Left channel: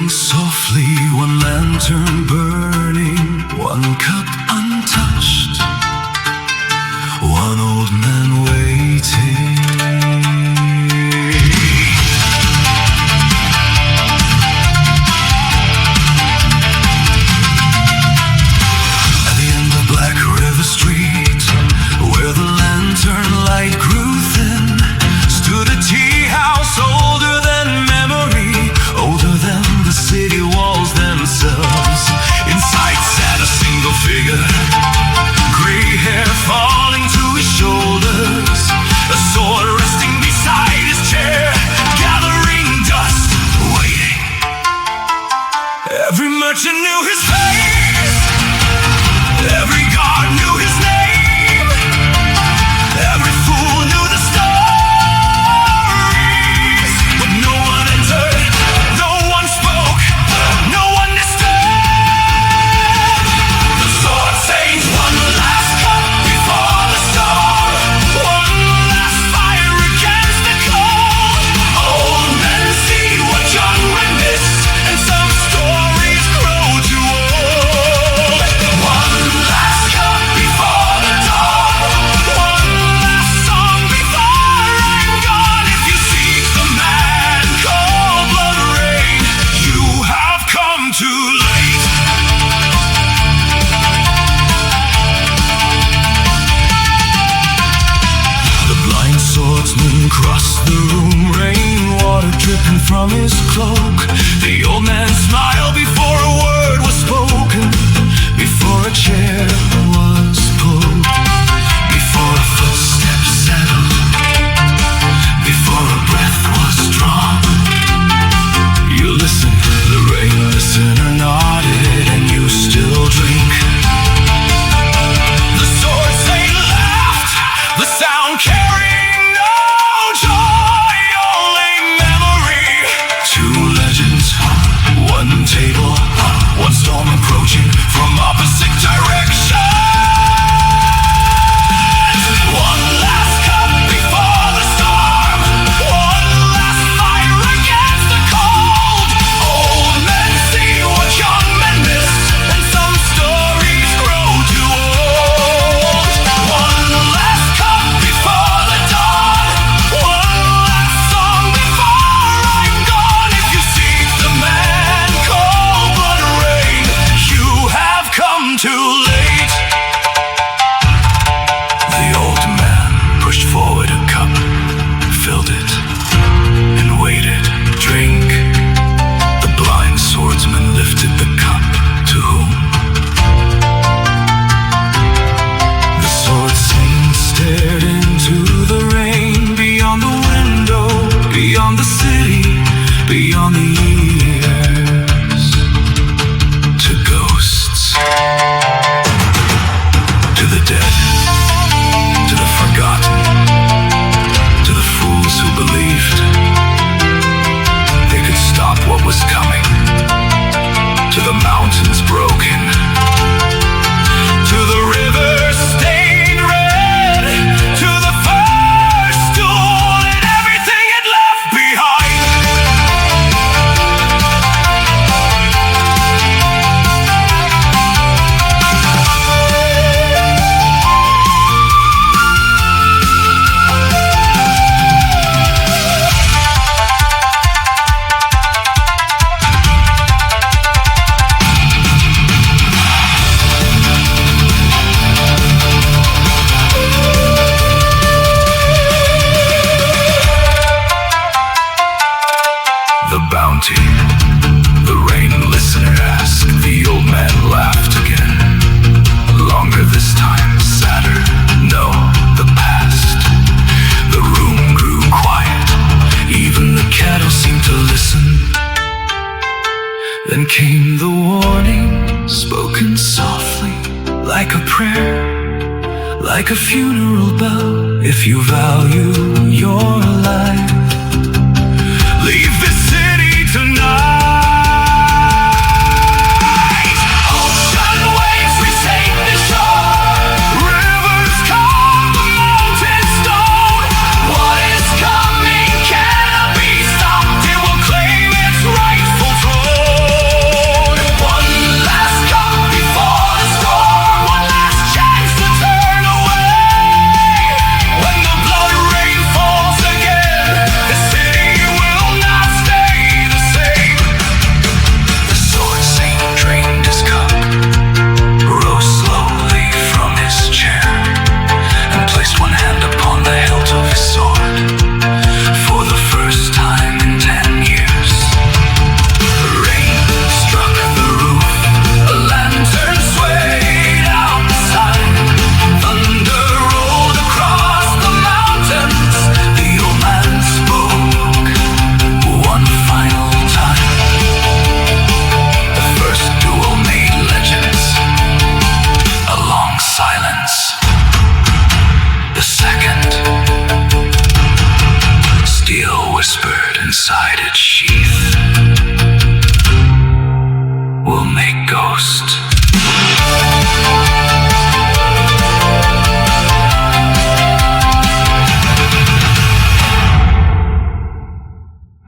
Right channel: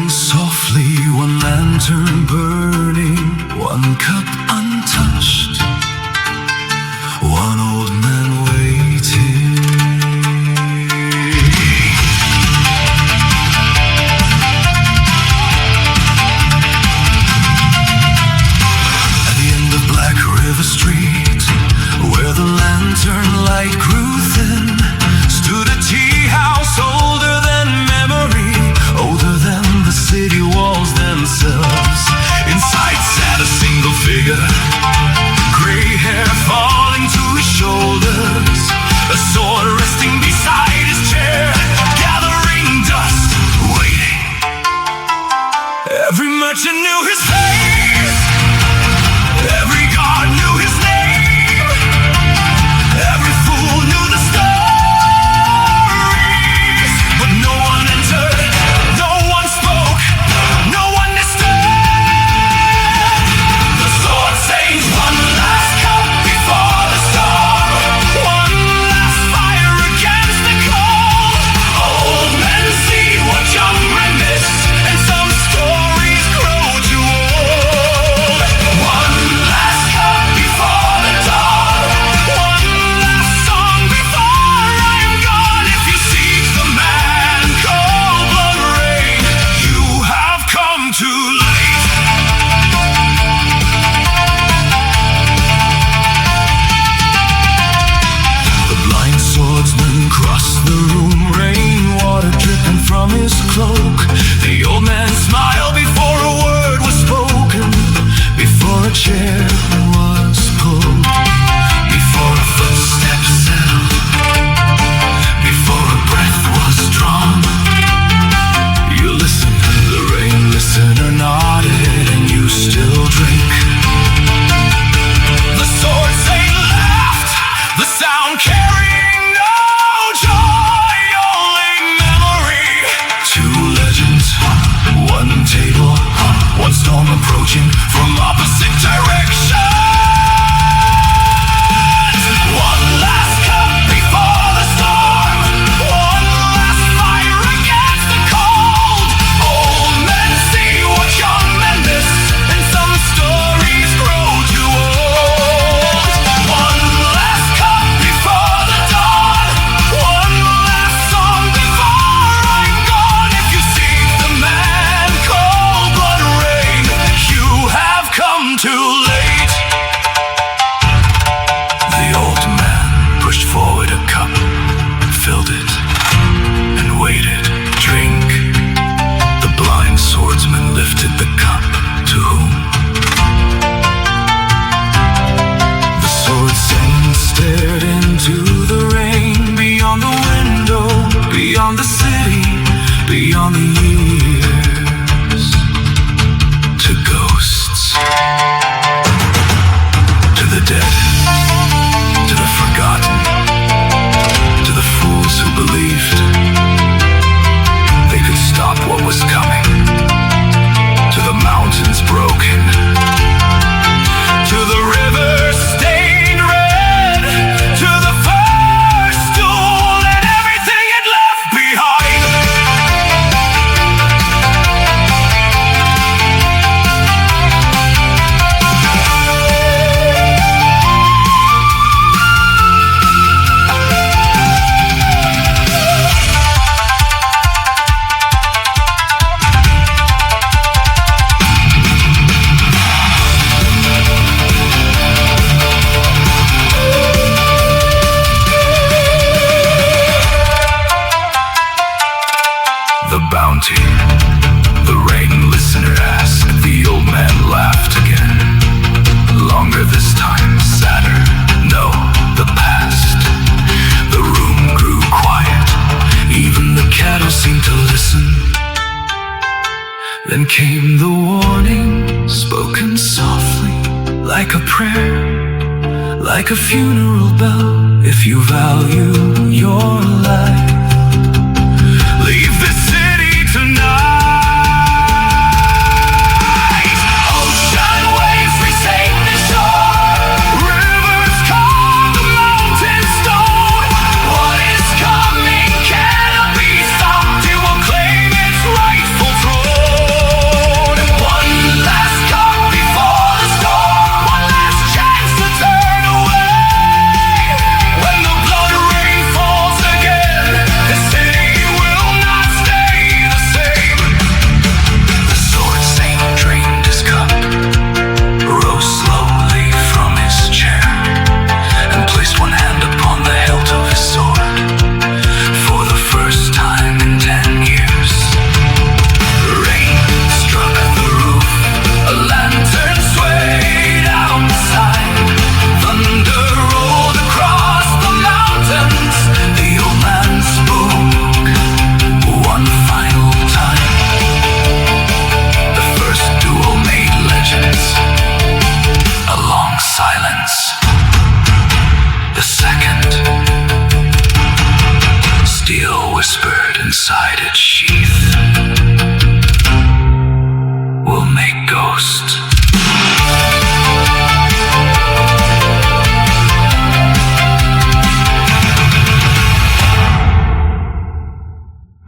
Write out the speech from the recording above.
Floating softly, one lantern burning, one cup untouched, one old man waiting. At the end of Black River Street, where the lantern light grew thin, stood a tea house older than memory, older than the city walls themselves. Inside sat a single figure, gray hair falling to his shoulders, a sword resting beside his chair, gathering dust, waiting. Every merchant knew his face, every guard knew his name, every fool knew the stories, but no one entered, no one spoke, no one disturbed. The sword saints, one last cup before the storm, one last fire against the cold. Old men see what young men missed, and some stories grow too old. One last cup before the dawn, one last song before I'm gone. If you seek the man, cold blood rain, you have come too late. The blind swordsman crossed the room, rainwater dripping from his cloak. The old man smiled before a word was spoken, before a chair was pulled, before a footstep settled, before a breath was drawn. You listen, the rain listener nodded, and you still drink. The sword saint laughed, the sound carrying no joy, only memory. Two legends, one table, one storm approaching from opposite directions. One last cup before the storm, one last fire against the cold. Old men see what young men miss, and some stories grow too old. One last cup before the dawn, one last song before I'm gone. If you seek the man, cold blood rain, you have come too late. The old man pushed forward a cup, filled it, and waited. Drink. The blind swordsman lifted the cup. To whom? The sword saint stared into the rain, beyond the window, beyond the city, beyond the years, to ghosts, to the dead, to the forgotten, to the fools who believed they could stop what was coming, to the mountains broken, to the river stained red, to the first duel and everything it left behind. The bounty, the rain listener asked. The old man laughed again. Longer this time, sadder. No, the past. The room grew quiet. Even the cattle seemed to listen. Then came the warning, spoken softly, like a prayer, like a funeral bell. If you value your life, leave this city tonight. Ocean waves retake the shore, rivers carve the mountain stone. What is coming cannot be stopped, it will claim its rightful throne. second. Steel whispered inside its sheath will make ghost